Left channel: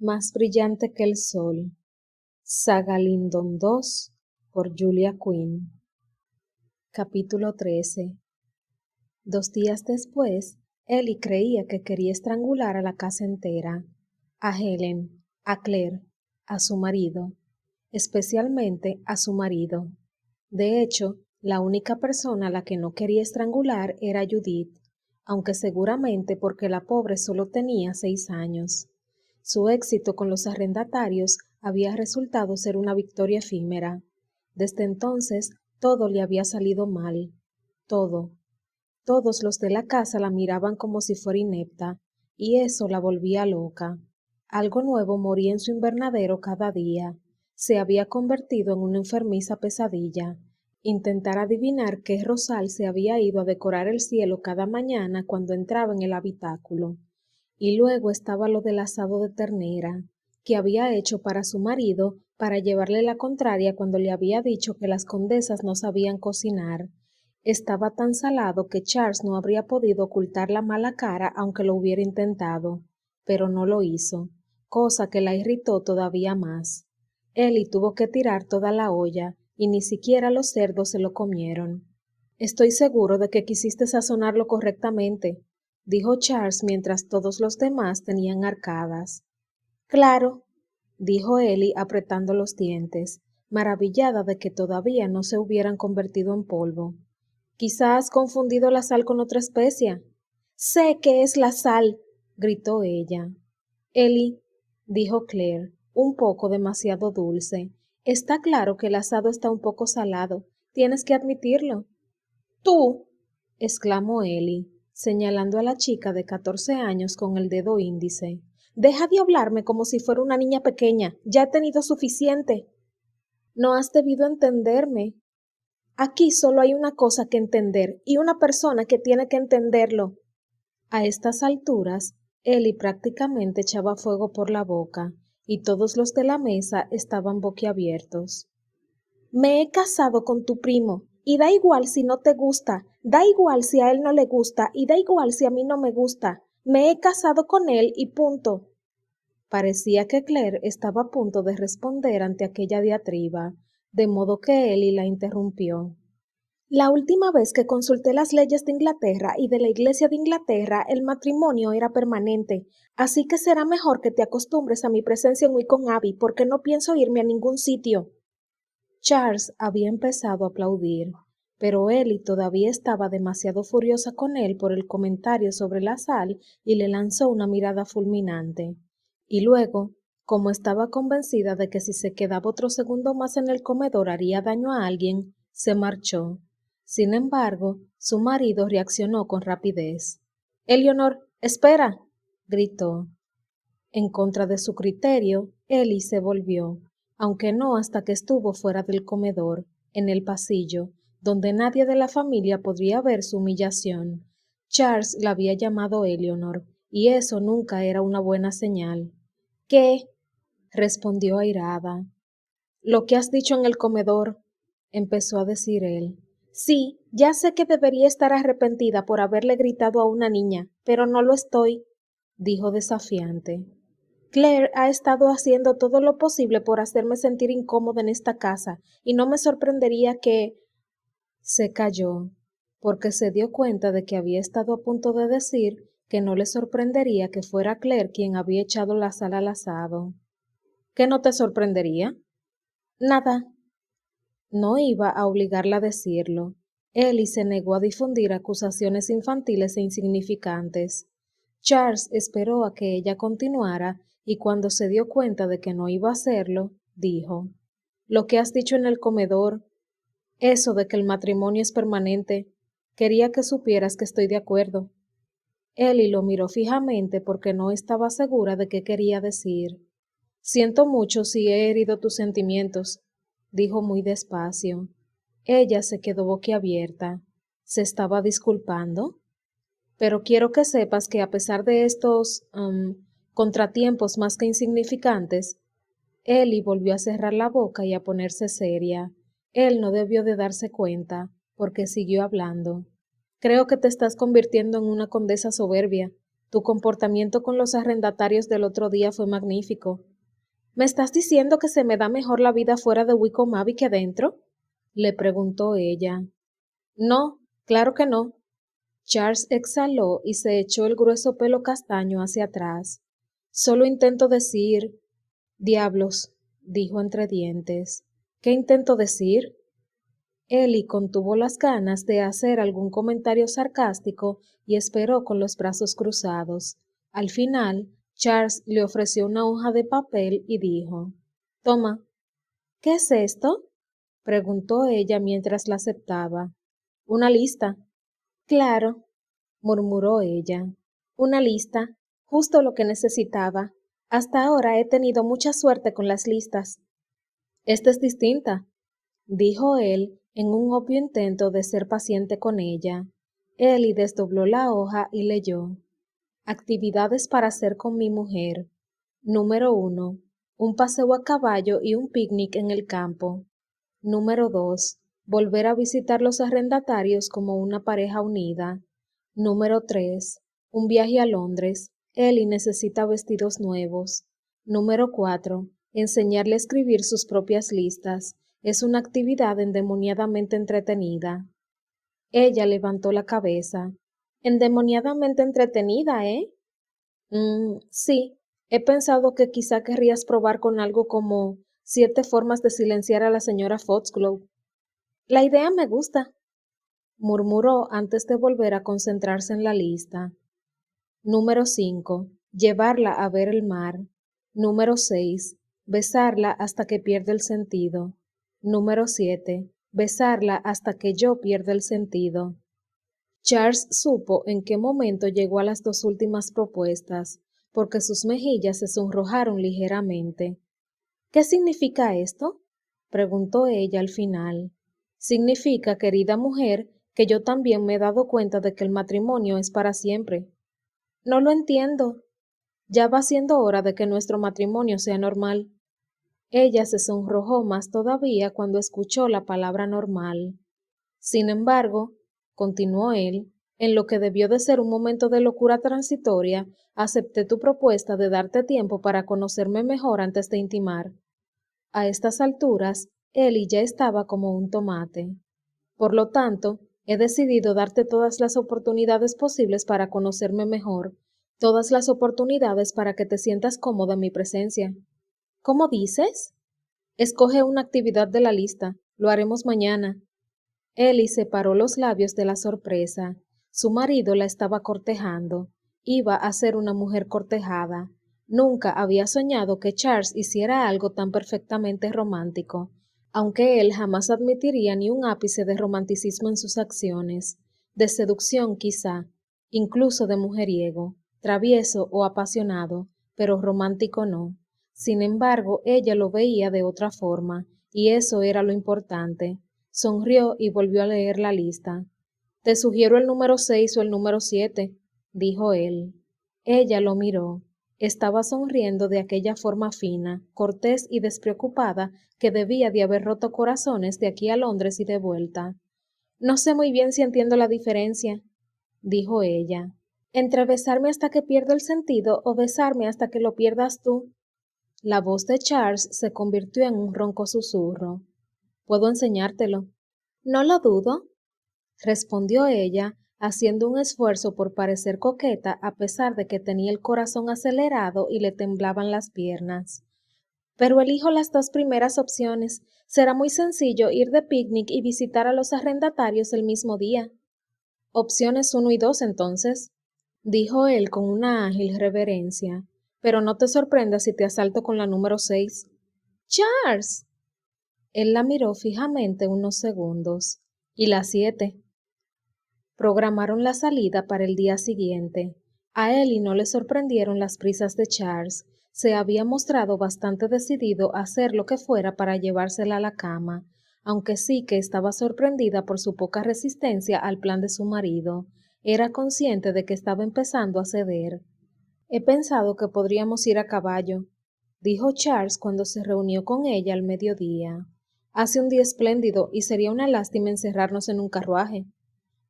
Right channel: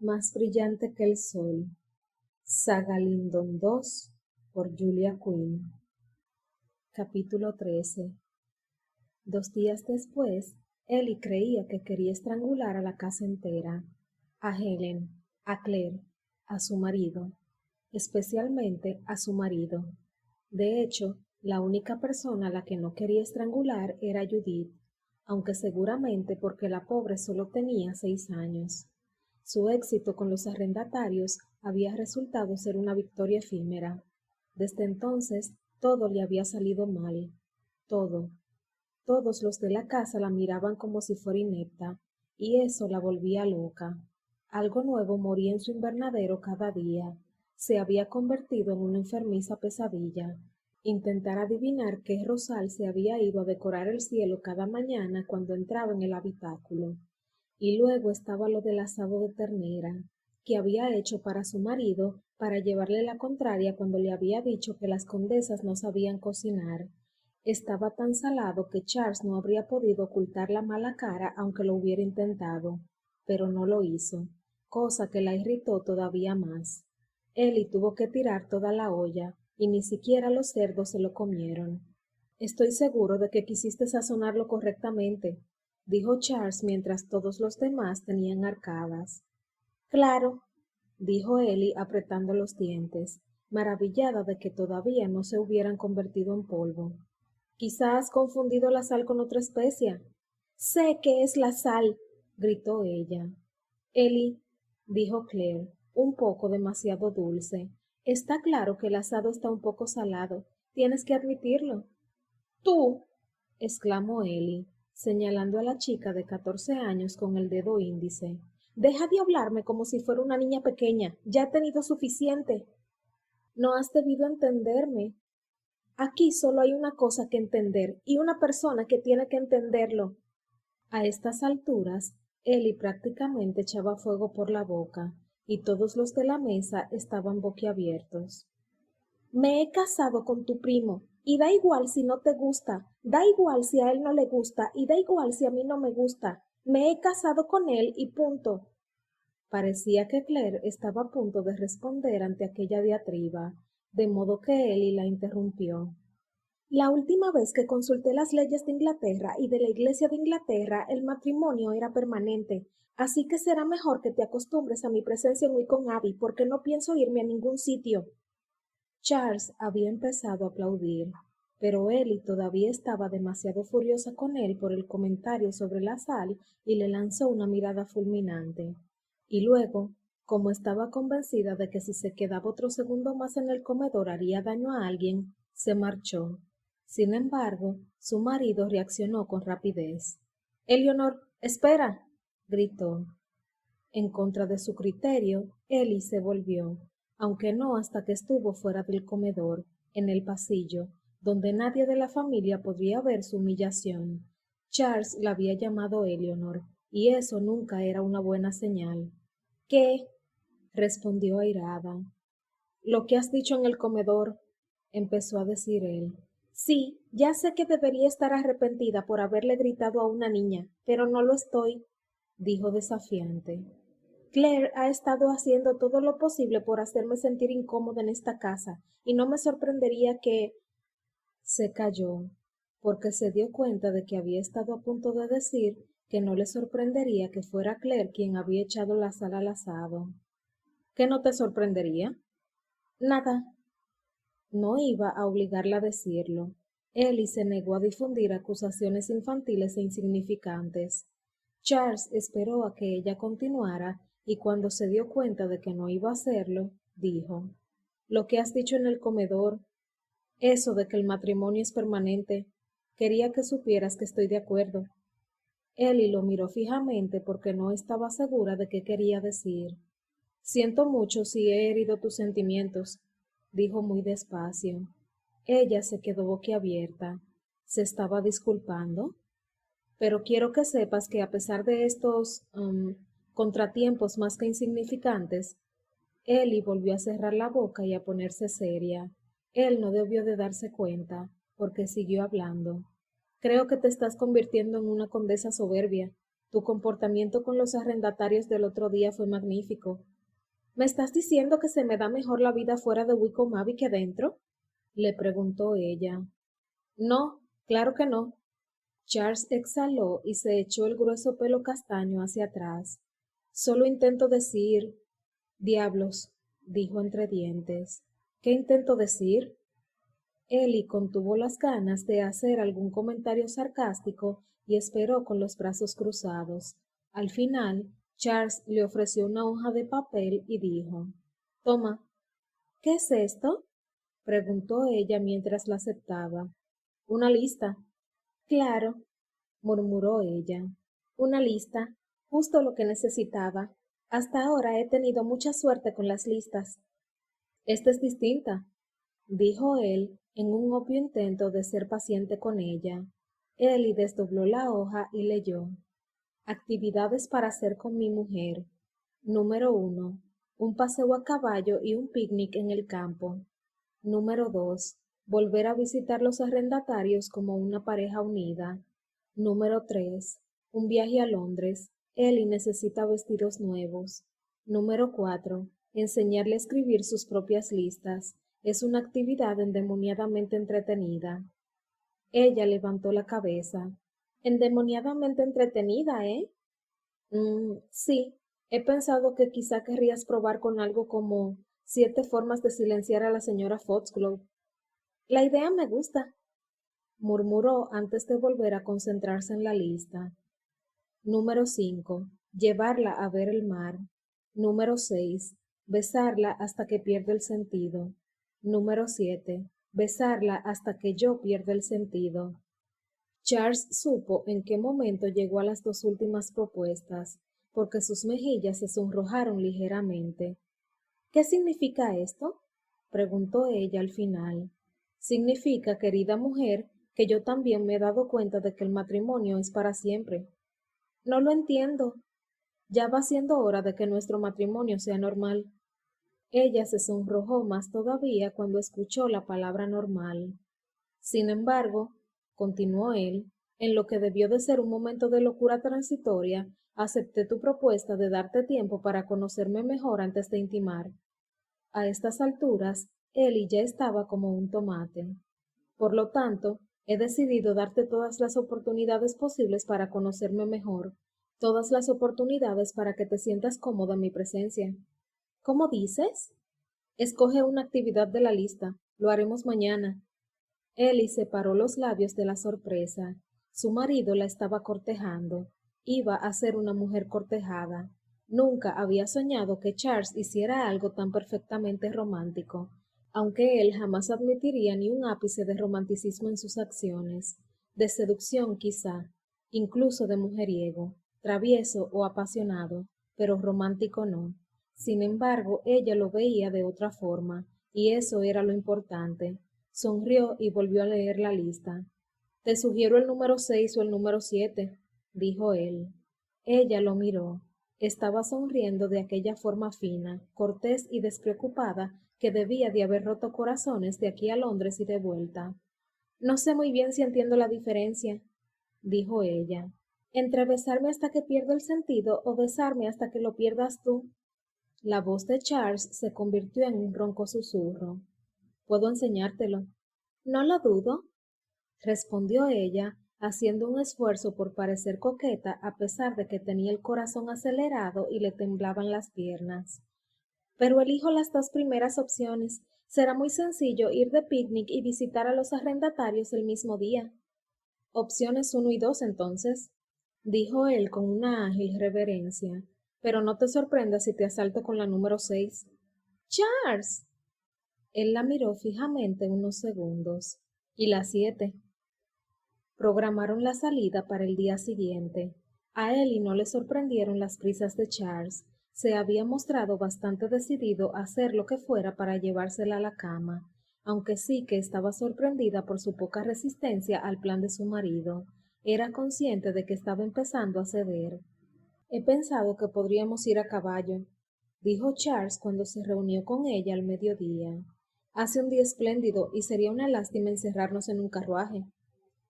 Más brillante que el sol. Saga Lyndon II por Julia Quinn. Capítulo 13. 2 días después, Ellie creía que quería estrangular a la casa entera, a Helen, a Claire, a su marido, especialmente a su marido. De hecho, la única persona a la que no quería estrangular era Judith, aunque seguramente porque la pobre solo tenía 6 años. Su éxito con los arrendatarios había resultado ser una victoria efímera. Desde entonces, todo le había salido mal. Todo. Todos los de la casa la miraban como si fuera inepta, y eso la volvía loca. Algo nuevo moría en su invernadero cada día. Se había convertido en una enfermiza pesadilla. Intentar adivinar qué rosal se había ido a decorar el cielo cada mañana cuando entraba en el habitáculo. Y luego estaba lo del asado de ternera, que había hecho para su marido para llevarle la contraria cuando le había dicho que las condesas no sabían cocinar. Estaba tan salado que Charles no habría podido ocultar la mala cara aunque lo hubiera intentado, pero no lo hizo, cosa que la irritó todavía más. Ellie tuvo que tirar toda la olla, y ni siquiera los cerdos se lo comieron. Estoy seguro de que quisiste sazonarlo correctamente, dijo Charles mientras todos los demás tenían arcadas. Claro, dijo Ellie apretando los dientes, maravillada de que todavía no se hubieran convertido en polvo. Quizás has confundido la sal con otra especia. Sé que es la sal, gritó ella. Ellie, dijo Claire, un poco demasiado dulce. Está claro que el asado está un poco salado. Tienes que admitirlo. Tú, exclamó Ellie, señalando a la chica de 14 años con el dedo índice. Deja de hablarme como si fuera una niña pequeña. Ya he tenido suficiente. No has debido entenderme. Aquí solo hay una cosa que entender y una persona que tiene que entenderlo. A estas alturas, Ellie prácticamente echaba fuego por la boca, y todos los de la mesa estaban boquiabiertos. Me he casado con tu primo, y da igual si no te gusta, da igual si a él no le gusta, y da igual si a mí no me gusta. Me he casado con él y punto. Parecía que Claire estaba a punto de responder ante aquella diatriba, de modo que Ellie la interrumpió. La última vez que consulté las leyes de Inglaterra y de la Iglesia de Inglaterra, el matrimonio era permanente, así que será mejor que te acostumbres a mi presencia en Wycombe Abbey, porque no pienso irme a ningún sitio. Charles había empezado a aplaudir, pero Ellie todavía estaba demasiado furiosa con él por el comentario sobre la sal y le lanzó una mirada fulminante. Y luego, como estaba convencida de que si se quedaba otro segundo más en el comedor haría daño a alguien, se marchó. Sin embargo, su marido reaccionó con rapidez. Eleanor, espera, gritó. En contra de su criterio, Ellie se volvió, aunque no hasta que estuvo fuera del comedor, en el pasillo, donde nadie de la familia podría ver su humillación. Charles la había llamado Eleanor, y eso nunca era una buena señal. ¿Qué? Respondió airada. Lo que has dicho en el comedor, empezó a decir él. Sí, ya sé que debería estar arrepentida por haberle gritado a una niña, pero no lo estoy, dijo desafiante. Claire ha estado haciendo todo lo posible por hacerme sentir incómoda en esta casa, y no me sorprendería que... Se calló, porque se dio cuenta de que había estado a punto de decir que no le sorprendería que fuera Claire quien había echado la sal al asado. ¿Qué no te sorprendería? Nada. No iba a obligarla a decirlo. Ellie se negó a difundir acusaciones infantiles e insignificantes. Charles esperó a que ella continuara y cuando se dio cuenta de que no iba a hacerlo, dijo, «Lo que has dicho en el comedor, eso de que el matrimonio es permanente, quería que supieras que estoy de acuerdo». Ellie lo miró fijamente porque no estaba segura de qué quería decir. «Siento mucho si he herido tus sentimientos», dijo muy despacio. Ella se quedó boquiabierta. ¿Se estaba disculpando? Pero quiero que sepas que a pesar de estos contratiempos más que insignificantes, Ellie volvió a cerrar la boca y a ponerse seria. Él no debió de darse cuenta, porque siguió hablando. Creo que te estás convirtiendo en una condesa soberbia. Tu comportamiento con los arrendatarios del otro día fue magnífico. ¿Me estás diciendo que se me da mejor la vida fuera de Wickham Abbey que dentro? Le preguntó ella. No, claro que no. Charles exhaló y se echó el grueso pelo castaño hacia atrás. Solo intento decir... Diablos, dijo entre dientes. ¿Qué intento decir? Ellie contuvo las ganas de hacer algún comentario sarcástico y esperó con los brazos cruzados. Al final, Charles le ofreció una hoja de papel y dijo, «Toma». «¿Qué es esto?», preguntó ella mientras la aceptaba. «Una lista». «Claro», murmuró ella. «Una lista, justo lo que necesitaba. Hasta ahora he tenido mucha suerte con las listas». «Esta es distinta», dijo él en un obvio intento de ser paciente con ella. Ellie desdobló la hoja y leyó. Actividades para hacer con mi mujer. Número 1. Un paseo a caballo y un picnic en el campo. Número 2. Volver a visitar los arrendatarios como una pareja unida. Número 3. Un viaje a Londres. Ellie necesita vestidos nuevos. Número 4. Enseñarle a escribir sus propias listas. Es una actividad endemoniadamente entretenida. Ella levantó la cabeza. Endemoniadamente entretenida, ¿eh? Sí. He pensado que quizá querrías probar con algo como 7 formas de silenciar a la señora Foxglove. La idea me gusta, murmuró antes de volver a concentrarse en la lista. Número 5. Llevarla a ver el mar. Número 6. Besarla hasta que pierda el sentido. Número 7. Besarla hasta que yo pierda el sentido. Charles supo en qué momento llegó a las 2 últimas propuestas, porque sus mejillas se sonrojaron ligeramente. ¿Qué significa esto?, preguntó ella al final. Significa, querida mujer, que yo también me he dado cuenta de que el matrimonio es para siempre. No lo entiendo. Ya va siendo hora de que nuestro matrimonio sea normal. Ella se sonrojó más todavía cuando escuchó la palabra normal. Sin embargo, continuó él, en lo que debió de ser un momento de locura transitoria, acepté tu propuesta de darte tiempo para conocerme mejor antes de intimar. A estas alturas, Ellie ya estaba como un tomate. Por lo tanto, he decidido darte todas las oportunidades posibles para conocerme mejor, todas las oportunidades para que te sientas cómoda en mi presencia. ¿Cómo dices? Escoge una actividad de la lista. Lo haremos mañana. Ellie separó los labios de la sorpresa. Su marido la estaba cortejando. Iba a ser una mujer cortejada. Nunca había soñado que Charles hiciera algo tan perfectamente romántico, aunque él jamás admitiría ni un ápice de romanticismo en sus acciones, de seducción quizá, incluso de mujeriego, travieso o apasionado, pero romántico no. Sin embargo, ella lo veía de otra forma, y eso era lo importante. Sonrió y volvió a leer la lista. Te sugiero el número 6 o el número 7, dijo él. Ella lo miró. Estaba sonriendo de aquella forma fina, cortés y despreocupada que debía de haber roto corazones de aquí a Londres y de vuelta. No sé muy bien si entiendo la diferencia, dijo ella, entre besarme hasta que pierda el sentido o besarme hasta que lo pierdas tú. La voz de Charles se convirtió en un ronco susurro. Puedo enseñártelo. No lo dudo, respondió ella, haciendo un esfuerzo por parecer coqueta a pesar de que tenía el corazón acelerado y le temblaban las piernas. Pero elijo las 2 primeras opciones. Será muy sencillo ir de picnic y visitar a los arrendatarios el mismo día. Opciones 1 y 2, entonces, dijo él con una ágil reverencia. Pero no te sorprendas si te asalto con la número 6. ¡Charles! Él la miró fijamente unos segundos. ¿Y la 7? Programaron la salida para el día siguiente. A Ellie no le sorprendieron las prisas de Charles. Se había mostrado bastante decidido a hacer lo que fuera para llevársela a la cama, aunque sí que estaba sorprendida por su poca resistencia al plan de su marido. Era consciente de que estaba empezando a ceder. He pensado que podríamos ir a caballo, dijo Charles cuando se reunió con ella al mediodía. Hace un día espléndido y sería una lástima encerrarnos en un carruaje.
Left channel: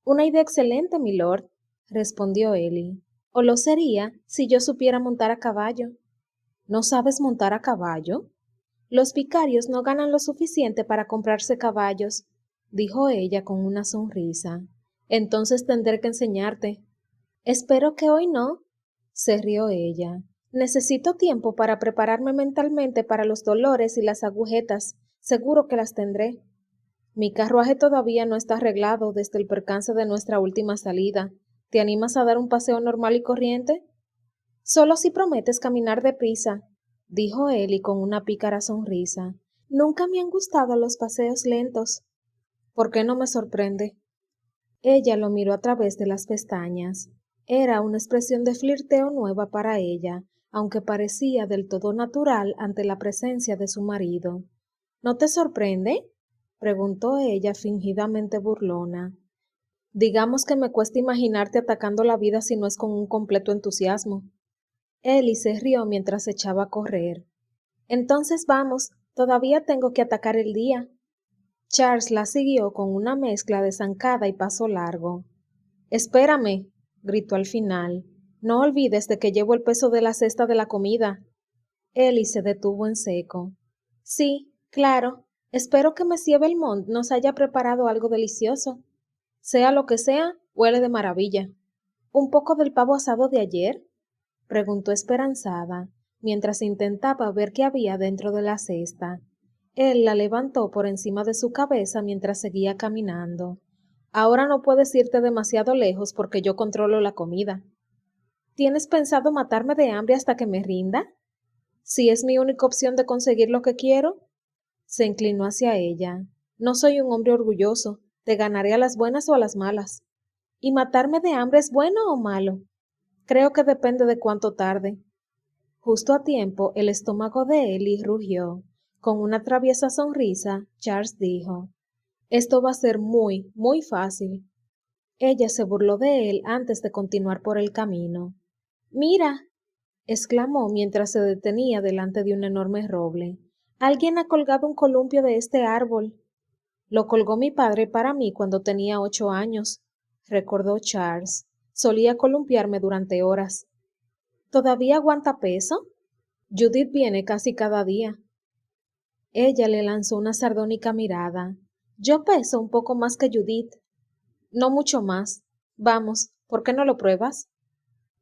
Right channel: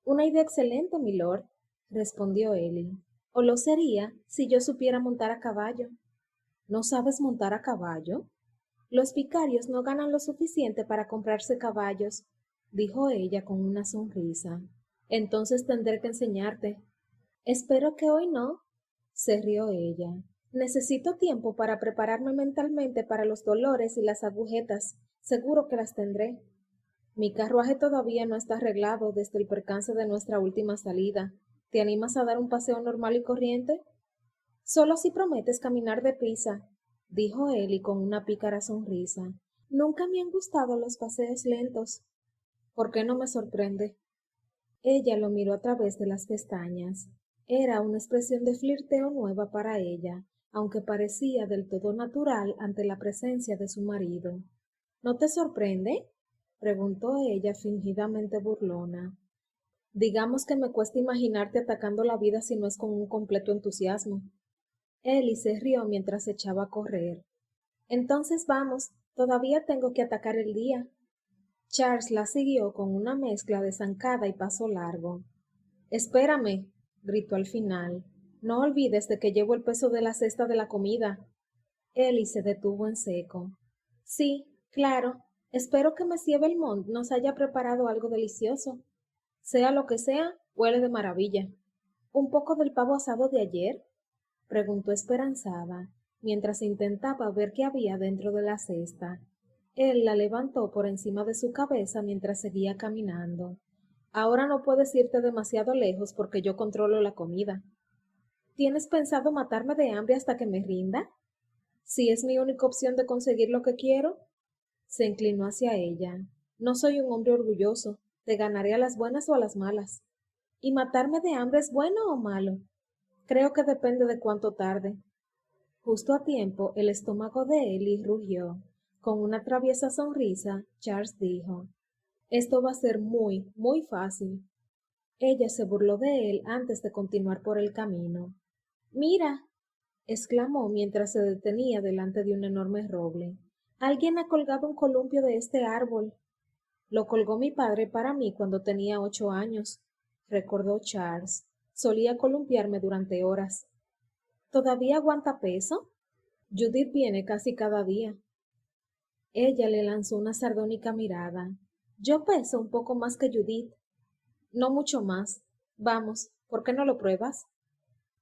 Una idea excelente, milord, respondió Ellie. o lo sería si yo supiera montar a caballo. ¿No sabes montar a caballo? Los vicarios no ganan lo suficiente para comprarse caballos, dijo ella con una sonrisa. Entonces tendré que enseñarte. Espero que hoy no, se rió ella. Necesito tiempo para prepararme mentalmente para los dolores y las agujetas. Seguro que las tendré. Mi carruaje todavía no está arreglado desde el percance de nuestra última salida. ¿Te animas a dar un paseo normal y corriente? Solo si prometes caminar deprisa, dijo él y con una pícara sonrisa. Nunca me han gustado los paseos lentos. ¿Por qué no me sorprende? Ella lo miró a través de las pestañas. Era una expresión de flirteo nueva para ella, aunque parecía del todo natural ante la presencia de su marido. ¿No te sorprende? Preguntó ella fingidamente burlona. Digamos que me cuesta imaginarte atacando la vida si no es con un completo entusiasmo. Ellie se rió mientras se echaba a correr. Entonces vamos, todavía tengo que atacar el día. Charles la siguió con una mezcla de zancada y paso largo. Espérame, gritó al final. No olvides de que llevo el peso de la cesta de la comida. Ellie se detuvo en seco. Sí, claro. Espero que Monsieur Belmont nos haya preparado algo delicioso. Sea lo que sea, huele de maravilla. ¿Un poco del pavo asado de ayer? Preguntó esperanzada, mientras intentaba ver qué había dentro de la cesta. Él la levantó por encima de su cabeza mientras seguía caminando. Ahora no puedes irte demasiado lejos porque yo controlo la comida. ¿Tienes pensado matarme de hambre hasta que me rinda? Si es mi única opción de conseguir lo que quiero. Se inclinó hacia ella. No soy un hombre orgulloso. Te ganaré a las buenas o a las malas. ¿Y matarme de hambre es bueno o malo? Creo que depende de cuánto tarde. Justo a tiempo, el estómago de Ellie rugió. Con una traviesa sonrisa, Charles dijo, Esto va a ser muy, muy fácil. Ella se burló de él antes de continuar por el camino. Mira, exclamó mientras se detenía delante de un enorme roble. Alguien ha colgado un columpio de este árbol. Lo colgó mi padre para mí cuando tenía 8 años, recordó Charles. Solía columpiarme durante horas. ¿Todavía aguanta peso? Judith viene casi cada día. Ella le lanzó una sardónica mirada. Yo peso un poco más que Judith. No mucho más. Vamos, ¿por qué no lo pruebas?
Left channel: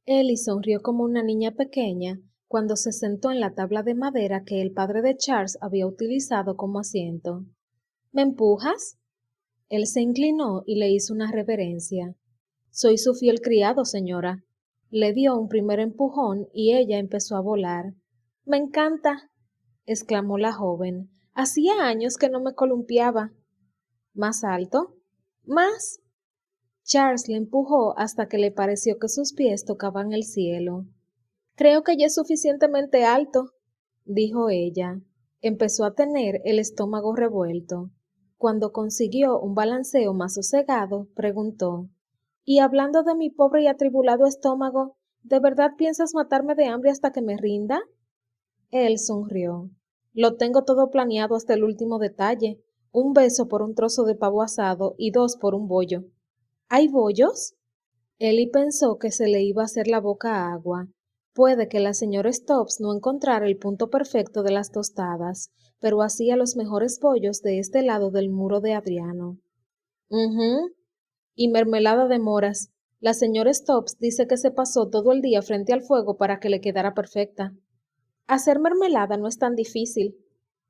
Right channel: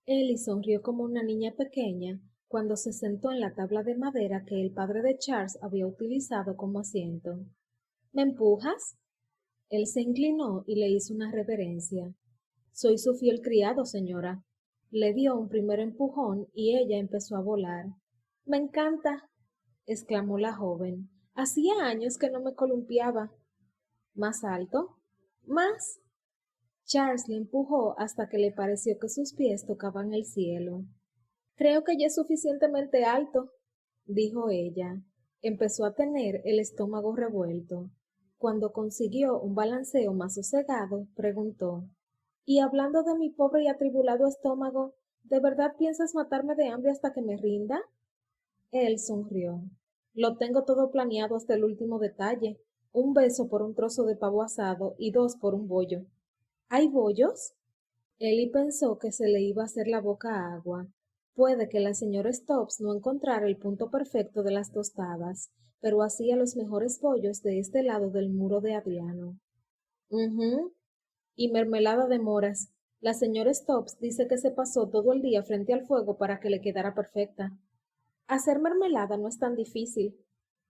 Ellie sonrió como una niña pequeña cuando se sentó en la tabla de madera que el padre de Charles había utilizado como asiento. ¿Me empujas? Él se inclinó y le hizo una reverencia. Soy su fiel criado, señora. Le dio un primer empujón y ella empezó a volar. Me encanta, exclamó la joven. Hacía años que no me columpiaba. ¿Más alto? ¿Más? Charles le empujó hasta que le pareció que sus pies tocaban el cielo. Creo que ya es suficientemente alto, dijo ella. Empezó a tener el estómago revuelto. Cuando consiguió un balanceo más sosegado, preguntó, Y hablando de mi pobre y atribulado estómago, ¿de verdad piensas matarme de hambre hasta que me rinda? Él sonrió. Lo tengo todo planeado hasta el último detalle. Un beso por un trozo de pavo asado y 2 por un bollo. ¿Hay bollos? Ellie pensó que se le iba a hacer la boca agua. Puede que la señora Stubbs no encontrara el punto perfecto de las tostadas, pero hacía los mejores bollos de este lado del muro de Adriano. Y mermelada de moras. La señora Stubbs dice que se pasó todo el día frente al fuego para que le quedara perfecta. Hacer mermelada no es tan difícil,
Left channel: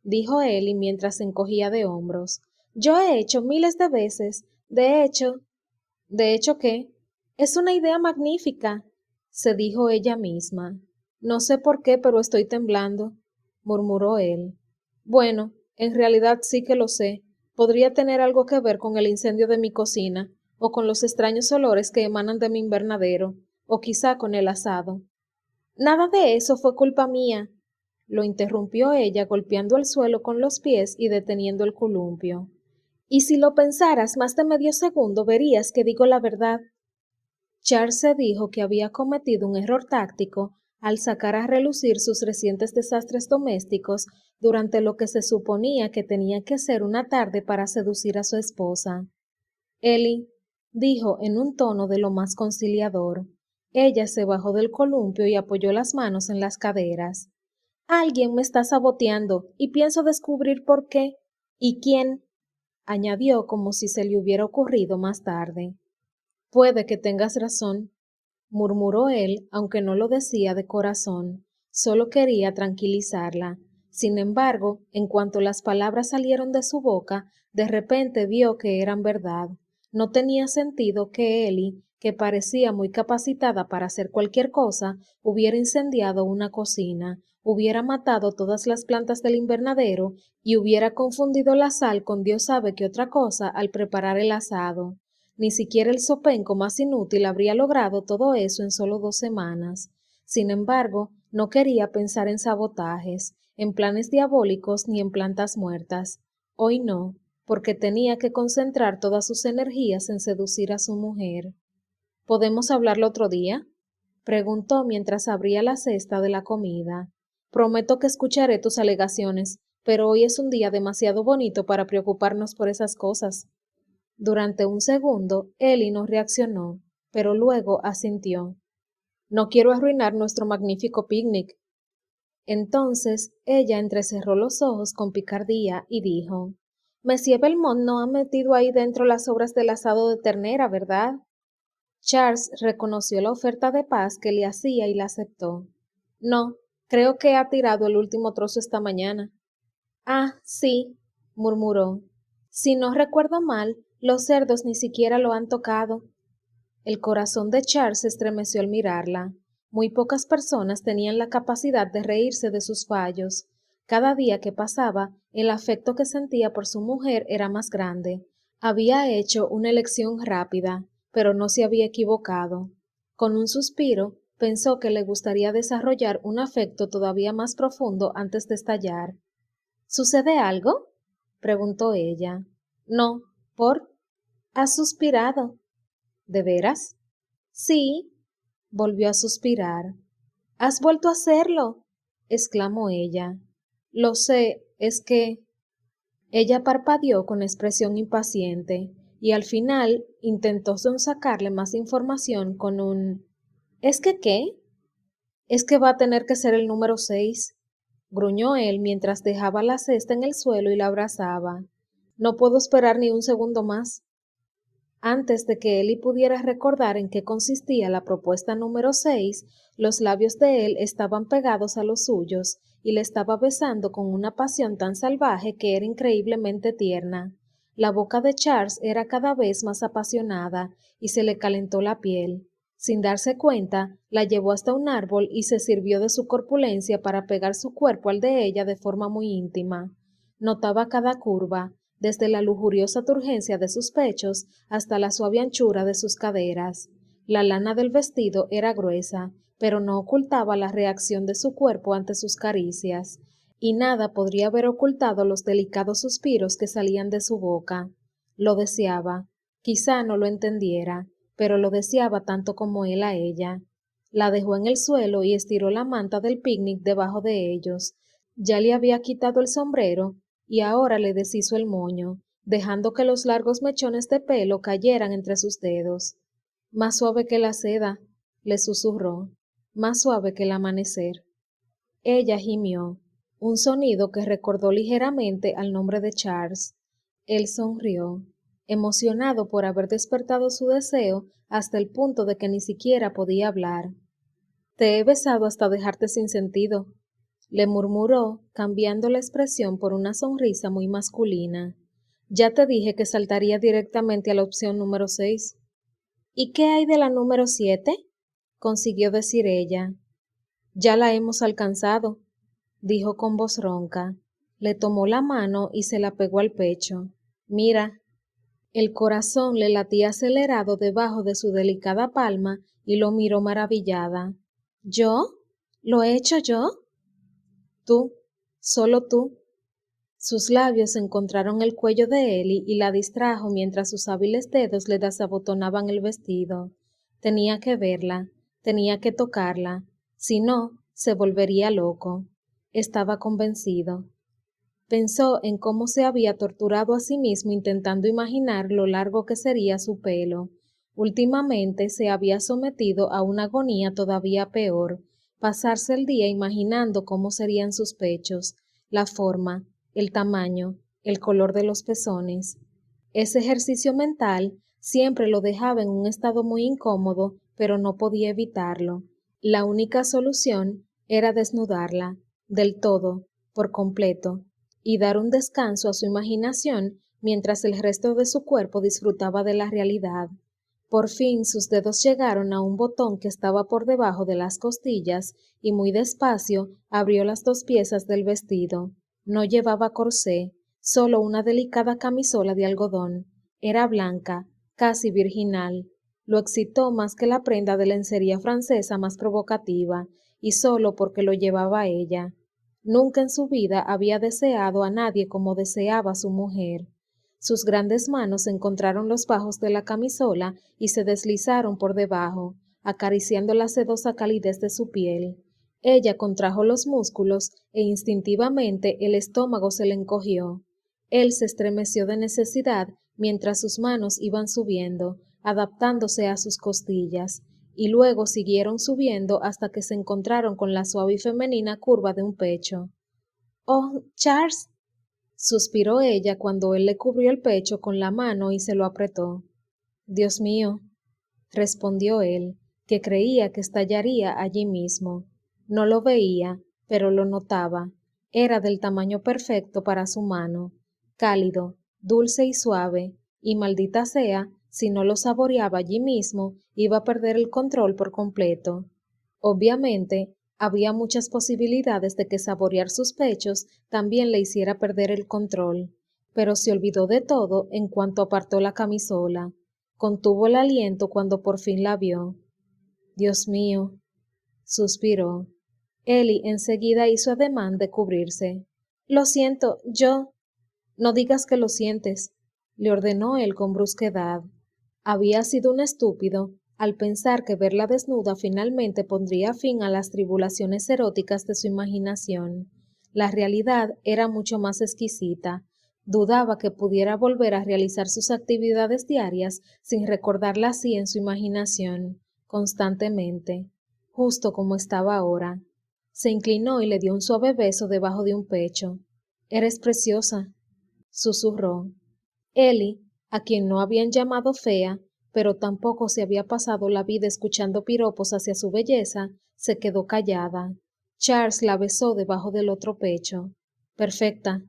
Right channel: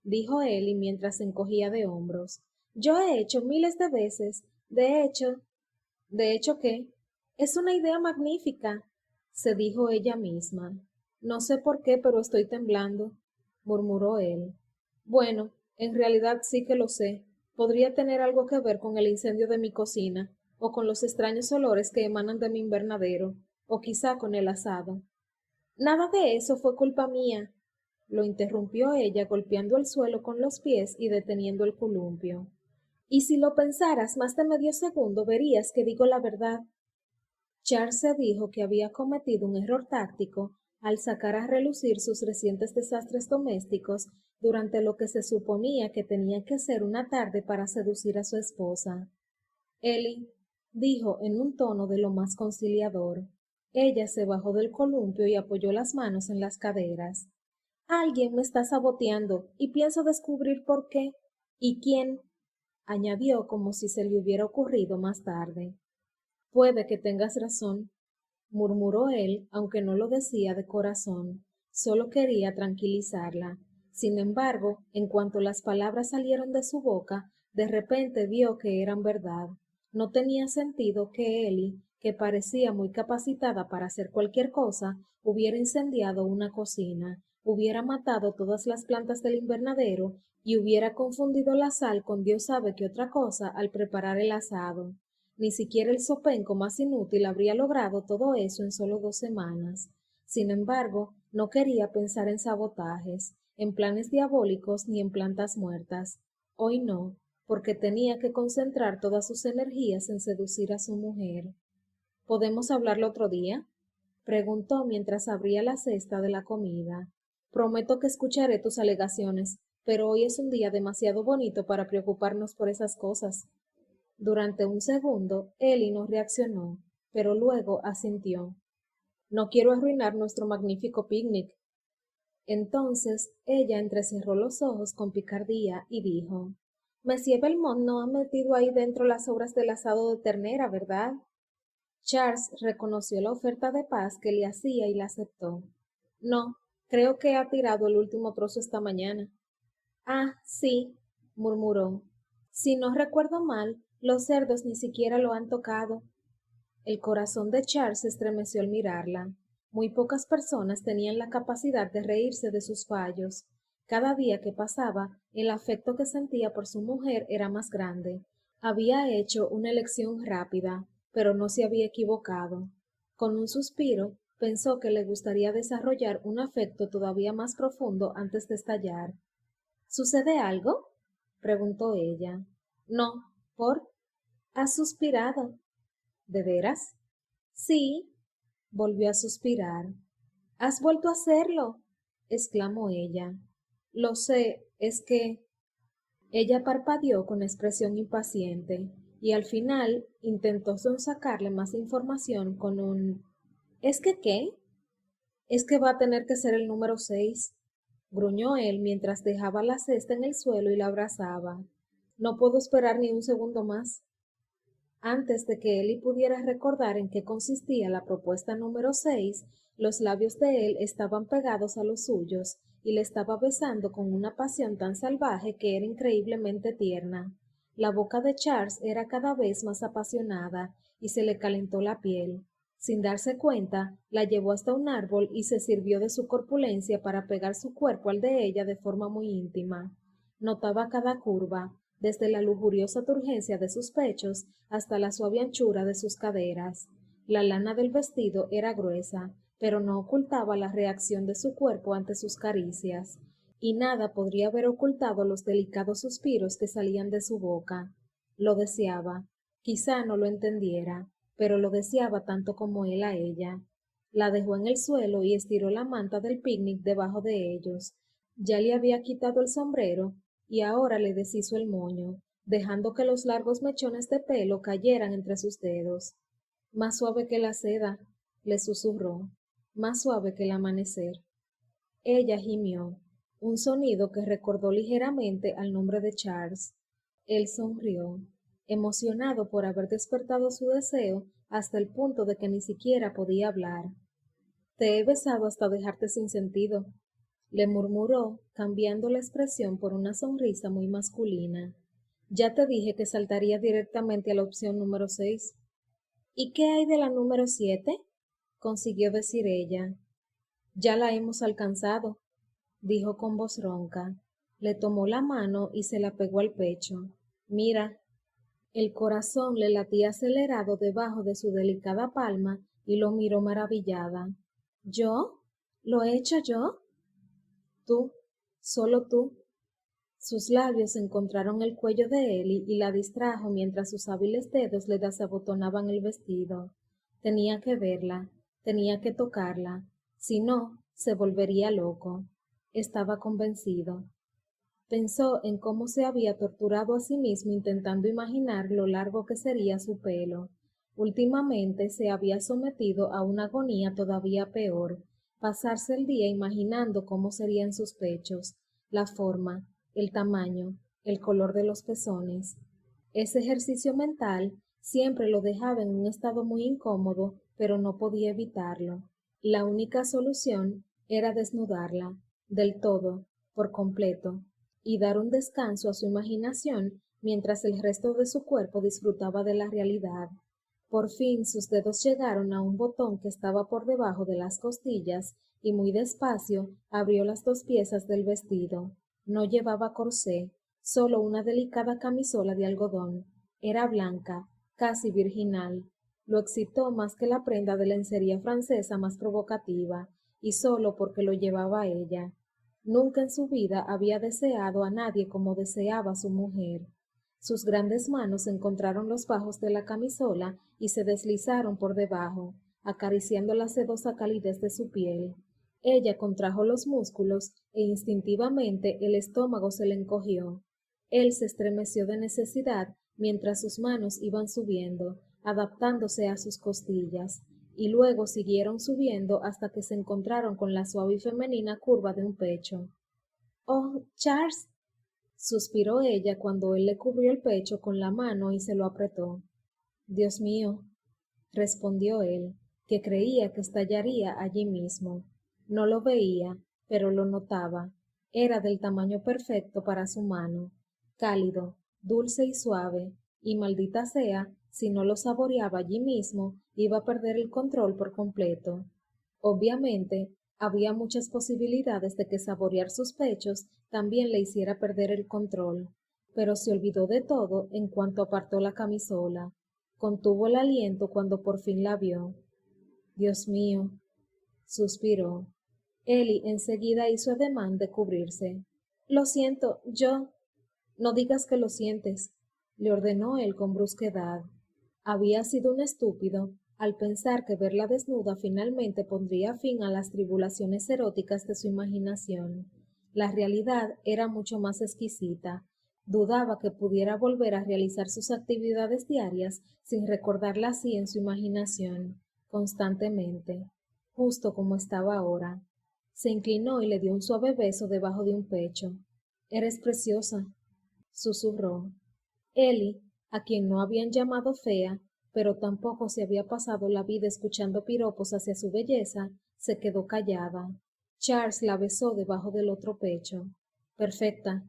dijo Ellie mientras se encogía de hombros. Yo he hecho miles de veces. ¿De hecho qué? Es una idea magnífica, se dijo ella misma. No sé por qué, pero estoy temblando, murmuró él. Bueno, en realidad sí que lo sé. Podría tener algo que ver con el incendio de mi cocina, o con los extraños olores que emanan de mi invernadero, o quizá con el asado. Nada de eso fue culpa mía, lo interrumpió ella golpeando el suelo con los pies y deteniendo el columpio. Y si lo pensaras más de medio segundo verías que digo la verdad. Charles se dijo que había cometido un error táctico al sacar a relucir sus recientes desastres domésticos durante lo que se suponía que tenía que ser una tarde para seducir a su esposa. Ellie, dijo en un tono de lo más conciliador, Ella se bajó del columpio y apoyó las manos en las caderas. Alguien me está saboteando y pienso descubrir por qué y quién, añadió como si se le hubiera ocurrido más tarde. Puede que tengas razón, murmuró él, aunque no lo decía de corazón, solo quería tranquilizarla. Sin embargo, en cuanto las palabras salieron de su boca, de repente vio que eran verdad. No tenía sentido que Ellie, que parecía muy capacitada para hacer cualquier cosa, hubiera incendiado una cocina, hubiera matado todas las plantas del invernadero y hubiera confundido la sal con Dios sabe qué otra cosa al preparar el asado. Ni siquiera el zopenco más inútil habría logrado todo eso en solo 2 semanas. Sin embargo, no quería pensar en sabotajes, en planes diabólicos ni en plantas muertas. Hoy no, porque tenía que concentrar todas sus energías en seducir a su mujer. ¿Podemos hablarlo otro día? Preguntó mientras abría la cesta de la comida. Prometo que escucharé tus alegaciones, pero hoy es un día demasiado bonito para preocuparnos por esas cosas. Durante un segundo, Ellie no reaccionó, pero luego asintió. No quiero arruinar nuestro magnífico picnic. Entonces ella entrecerró los ojos con picardía y dijo, Monsieur Belmont no ha metido ahí dentro las sobras del asado de ternera, ¿verdad? Charles reconoció la oferta de paz que le hacía y la aceptó. No, creo que ha tirado el último trozo esta mañana. Ah, sí, murmuró. Si no recuerdo mal, los cerdos ni siquiera lo han tocado. El corazón de Charles se estremeció al mirarla. Muy pocas personas tenían la capacidad de reírse de sus fallos. Cada día que pasaba, el afecto que sentía por su mujer era más grande. Había hecho una elección rápida, pero no se había equivocado. Con un suspiro, pensó que le gustaría desarrollar un afecto todavía más profundo antes de estallar. ¿Sucede algo? Preguntó ella. No, ¿por? Has suspirado. ¿De veras? Sí, volvió a suspirar. Has vuelto a hacerlo, exclamó ella. Lo sé, es que... Ella parpadeó con expresión impaciente y al final intentó sonsacarle más información con un ¿Es que qué? Es que va a tener que ser el número 6, gruñó él mientras dejaba la cesta en el suelo y la abrazaba. No puedo esperar ni un segundo más. Antes de que Ellie pudiera recordar en qué consistía la propuesta número 6, los labios de él estaban pegados a los suyos y le estaba besando con una pasión tan salvaje que era increíblemente tierna. La boca de Charles era cada vez más apasionada y se le calentó la piel. Sin darse cuenta, la llevó hasta un árbol y se sirvió de su corpulencia para pegar su cuerpo al de ella de forma muy íntima. Notaba cada curva, desde la lujuriosa turgencia de sus pechos hasta la suave anchura de sus caderas. La lana del vestido era gruesa, pero no ocultaba la reacción de su cuerpo ante sus caricias, y nada podría haber ocultado los delicados suspiros que salían de su boca. Lo deseaba. Quizá no lo entendiera, pero lo deseaba tanto como él a ella. La dejó en el suelo y estiró la manta del picnic debajo de ellos. Ya le había quitado el sombrero y ahora le deshizo el moño, dejando que los largos mechones de pelo cayeran entre sus dedos. Más suave que la seda, le susurró, más suave que el amanecer. Ella gimió, un sonido que recordó ligeramente al nombre de Charles. Él sonrió, emocionado por haber despertado su deseo hasta el punto de que ni siquiera podía hablar. Te he besado hasta dejarte sin sentido, le murmuró, cambiando la expresión por una sonrisa muy masculina. Ya te dije que saltaría directamente a la opción número 6. ¿Y qué hay de la número 7? Consiguió decir ella. Ya la hemos alcanzado, dijo con voz ronca. Le tomó la mano y se la pegó al pecho. Mira. El corazón le latía acelerado debajo de su delicada palma y lo miró maravillada. ¿Yo? ¿Lo he hecho yo? Tú, solo tú. Sus labios encontraron el cuello de Ellie y la distrajo mientras sus hábiles dedos le desabotonaban el vestido. Tenía que verla, tenía que tocarla, si no, se volvería loco. Estaba convencido. Pensó en cómo se había torturado a sí mismo intentando imaginar lo largo que sería su pelo. Últimamente se había sometido a una agonía todavía peor, pasarse el día imaginando cómo serían sus pechos, la forma, el tamaño, el color de los pezones. Ese ejercicio mental siempre lo dejaba en un estado muy incómodo, pero no podía evitarlo. La única solución era desnudarla, del todo, por completo, y dar un descanso a su imaginación mientras el resto de su cuerpo disfrutaba de la realidad. Por fin sus dedos llegaron a un botón que estaba por debajo de las costillas y muy despacio abrió las dos piezas del vestido. No llevaba corsé, solo una delicada camisola de algodón. Era blanca, casi virginal. Lo excitó más que la prenda de lencería francesa más provocativa, y solo porque lo llevaba ella. Nunca en su vida había deseado a nadie como deseaba a su mujer. Sus grandes manos encontraron los bajos de la camisola y se deslizaron por debajo, acariciando la sedosa calidez de su piel. Ella contrajo los músculos e instintivamente el estómago se le encogió. Él se estremeció de necesidad mientras sus manos iban subiendo, adaptándose a sus costillas, y luego siguieron subiendo hasta que se encontraron con la suave y femenina curva de un pecho. «Oh, Charles», suspiró ella cuando él le cubrió el pecho con la mano y se lo apretó. «Dios mío», respondió él, que creía que estallaría allí mismo. No lo veía, pero lo notaba. Era del tamaño perfecto para su mano, cálido, dulce y suave, y maldita sea, si no lo saboreaba allí mismo, iba a perder el control por completo. Obviamente, había muchas posibilidades de que saborear sus pechos también le hiciera perder el control, pero se olvidó de todo en cuanto apartó la camisola. Contuvo el aliento cuando por fin la vio. «Dios mío», suspiró. Ellie enseguida hizo ademán de cubrirse. «Lo siento, yo...» «No digas que lo sientes», le ordenó él con brusquedad. Había sido un estúpido al pensar que verla desnuda finalmente pondría fin a las tribulaciones eróticas de su imaginación. La realidad era mucho más exquisita. Dudaba que pudiera volver a realizar sus actividades diarias sin recordarla así en su imaginación, constantemente, justo como estaba ahora. Se inclinó y le dio un suave beso debajo de un pecho. «Eres preciosa», susurró. Ellie, a quien no habían llamado fea, pero tampoco se había pasado la vida escuchando piropos hacia su belleza, se quedó callada. Charles la besó debajo del otro pecho. «Perfecta».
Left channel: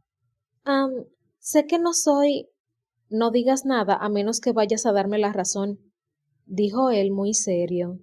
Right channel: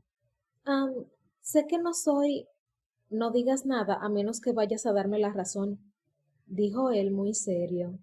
Sé que no soy... No digas nada a menos que vayas a darme la razón, dijo él muy serio.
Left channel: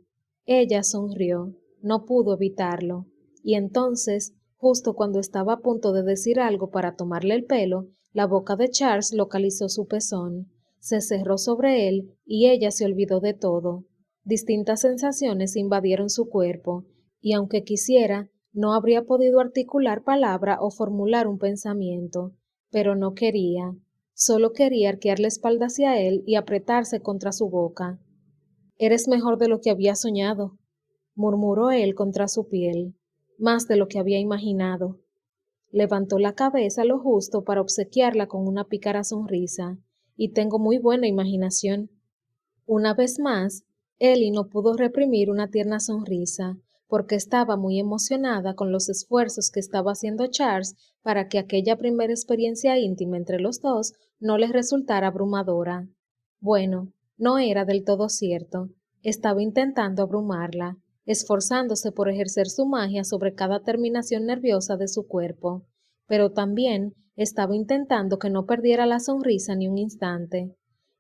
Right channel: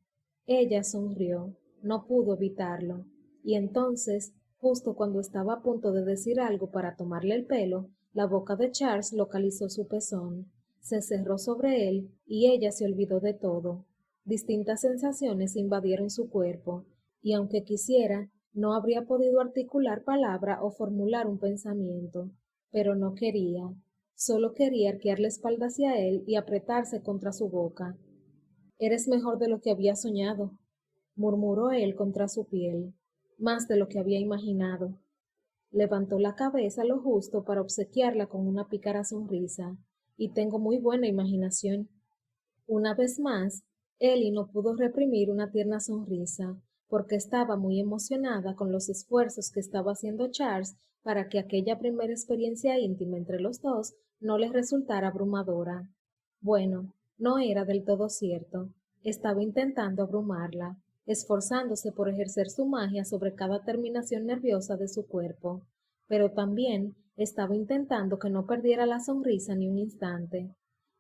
Ella sonrió, no pudo evitarlo, y entonces, justo cuando estaba a punto de decir algo para tomarle el pelo, la boca de Charles localizó su pezón, se cerró sobre él y ella se olvidó de todo. Distintas sensaciones invadieron su cuerpo, y aunque quisiera, no habría podido articular palabra o formular un pensamiento, pero no quería. Solo quería arquear la espalda hacia él y apretarse contra su boca. «Eres mejor de lo que había soñado», murmuró él contra su piel, «más de lo que había imaginado». Levantó la cabeza lo justo para obsequiarla con una pícara sonrisa, «y tengo muy buena imaginación». Una vez más, Ellie no pudo reprimir una tierna sonrisa, porque estaba muy emocionada con los esfuerzos que estaba haciendo Charles para que aquella primera experiencia íntima entre los dos no les resultara abrumadora. Bueno, no era del todo cierto. Estaba intentando abrumarla, esforzándose por ejercer su magia sobre cada terminación nerviosa de su cuerpo, pero también estaba intentando que no perdiera la sonrisa ni un instante.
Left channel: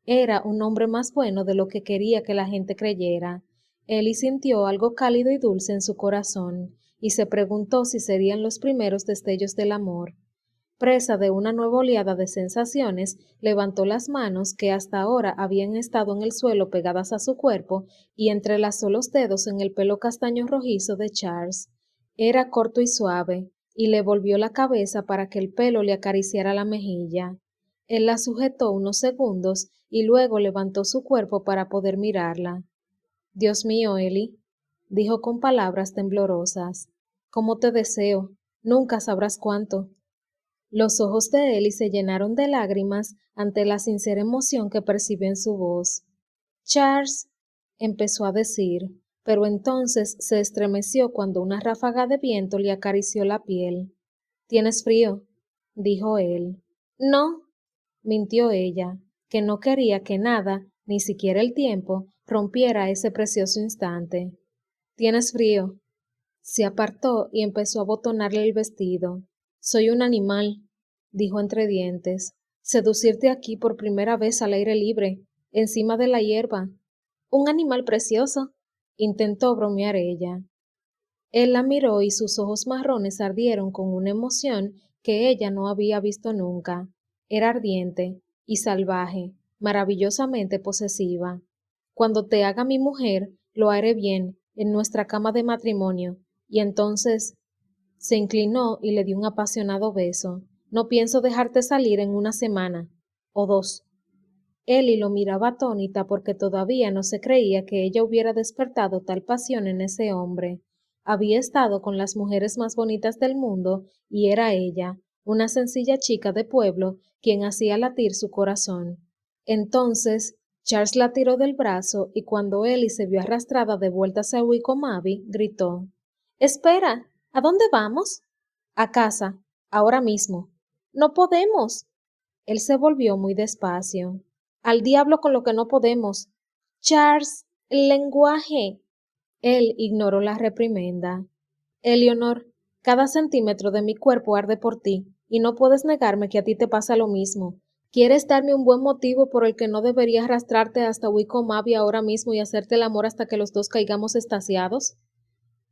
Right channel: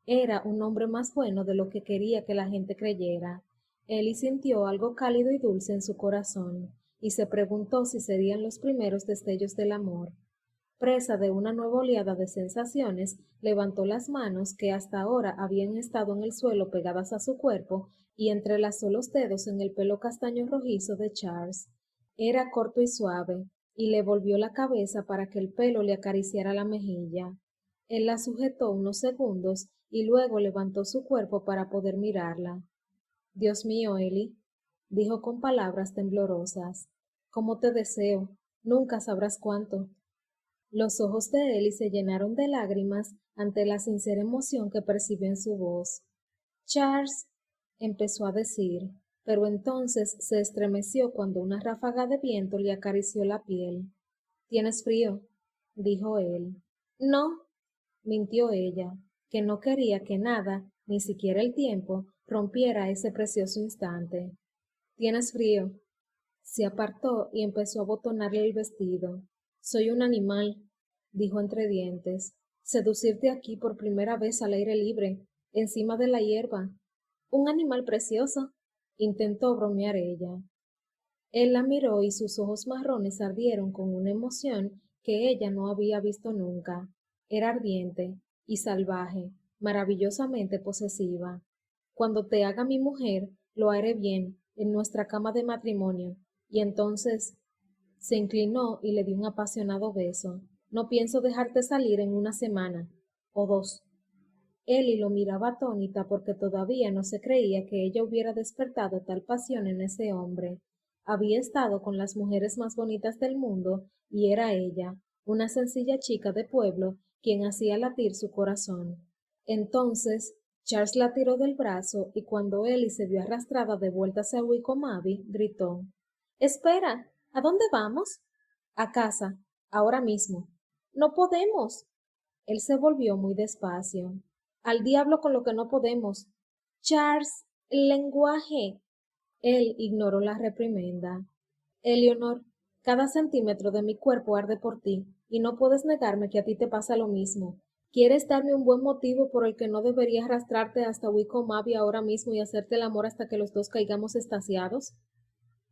Era un hombre más bueno de lo que quería que la gente creyera. Ellie sintió algo cálido y dulce en su corazón, y se preguntó si serían los primeros destellos del amor. Presa de una nueva oleada de sensaciones, levantó las manos que hasta ahora habían estado en el suelo pegadas a su cuerpo y entrelazó los dedos en el pelo castaño rojizo de Charles. Era corto y suave, y le volvió la cabeza para que el pelo le acariciara la mejilla. Él la sujetó unos segundos y luego levantó su cuerpo para poder mirarla. «Dios mío, Ellie», dijo con palabras temblorosas, «cómo te deseo, nunca sabrás cuánto». Los ojos de Ellie se llenaron de lágrimas ante la sincera emoción que percibió en su voz. Charles empezó a decir, pero entonces se estremeció cuando una ráfaga de viento le acarició la piel. ¿Tienes frío?, dijo él. No, mintió ella, que no quería que nada, ni siquiera el tiempo, rompiera ese precioso instante. ¿Tienes frío? Se apartó y empezó a abotonarle el vestido. Soy un animal, dijo entre dientes. Seducirte aquí por primera vez al aire libre, encima de la hierba. Un animal precioso, intentó bromear ella. Él la miró y sus ojos marrones ardieron con una emoción que ella no había visto nunca. Era ardiente y salvaje, maravillosamente posesiva. Cuando te haga mi mujer, lo haré bien, en nuestra cama de matrimonio, y entonces se inclinó y le dio un apasionado beso. No pienso dejarte salir en una semana o dos. Ellie lo miraba atónita porque todavía no se creía que ella hubiera despertado tal pasión en ese hombre. Había estado con las mujeres más bonitas del mundo y era ella, una sencilla chica de pueblo, quien hacía latir su corazón. Entonces, Charles la tiró del brazo y cuando Ellie se vio arrastrada de vuelta hacia Wickomaby, gritó: «¡Espera! ¿A dónde vamos?» «A casa, ahora mismo». «No podemos». Él se volvió muy despacio. «Al diablo con lo que no podemos». «Charles, el lenguaje». Él ignoró la reprimenda. «Eleanor, cada centímetro de mi cuerpo arde por ti, y no puedes negarme que a ti te pasa lo mismo. ¿Quieres darme un buen motivo por el que no debería arrastrarte hasta Wickomaby ahora mismo y hacerte el amor hasta que los dos caigamos extasiados?»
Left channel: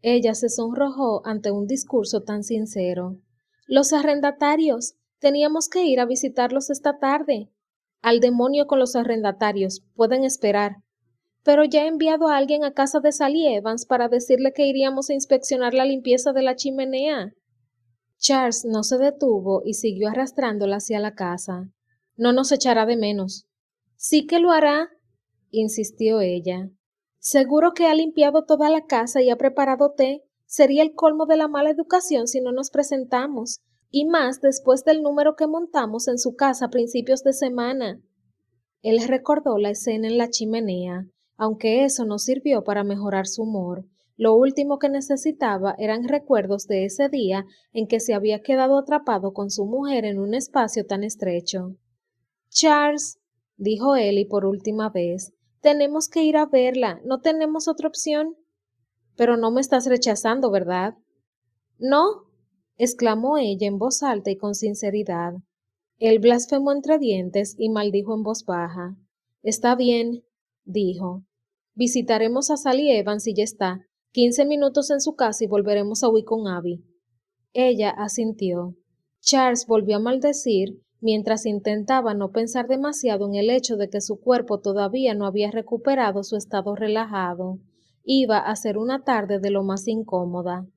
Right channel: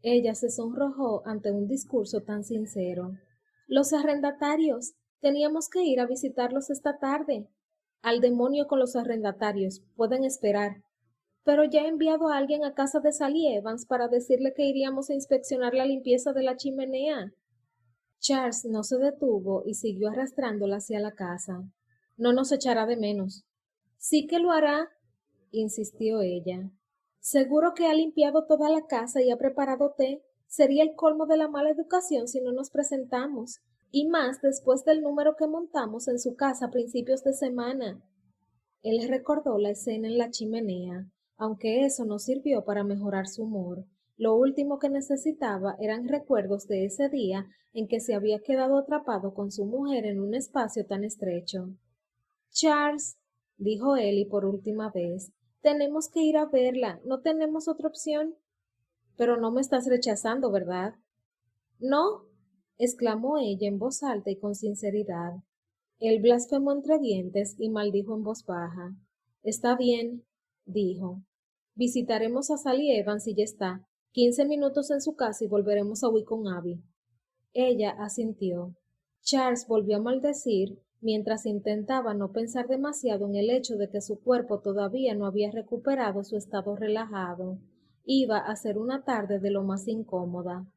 Ella se sonrojó ante un discurso tan sincero. «Los arrendatarios. Teníamos que ir a visitarlos esta tarde». «Al demonio con los arrendatarios. Pueden esperar». «Pero ya he enviado a alguien a casa de Sally Evans para decirle que iríamos a inspeccionar la limpieza de la chimenea». Charles no se detuvo y siguió arrastrándola hacia la casa. «No nos echará de menos». «Sí que lo hará», insistió ella. «Seguro que ha limpiado toda la casa y ha preparado té. Sería el colmo de la mala educación si no nos presentamos, y más después del número que montamos en su casa a principios de semana». Él recordó la escena en la chimenea, aunque eso no sirvió para mejorar su humor. Lo último que necesitaba eran recuerdos de ese día en que se había quedado atrapado con su mujer en un espacio tan estrecho. «Charles», dijo él y por última vez, «tenemos que ir a verla, no tenemos otra opción». «Pero no me estás rechazando, ¿verdad?» «No», exclamó ella en voz alta y con sinceridad. Él blasfemó entre dientes y maldijo en voz baja. «Está bien», dijo. «Visitaremos a Sally Evans y ya está. 15 minutos en su casa y volveremos a Wickomaby». Ella asintió. Charles volvió a maldecir mientras intentaba no pensar demasiado en el hecho de que su cuerpo todavía no había recuperado su estado relajado. Iba a ser una tarde de lo más incómoda.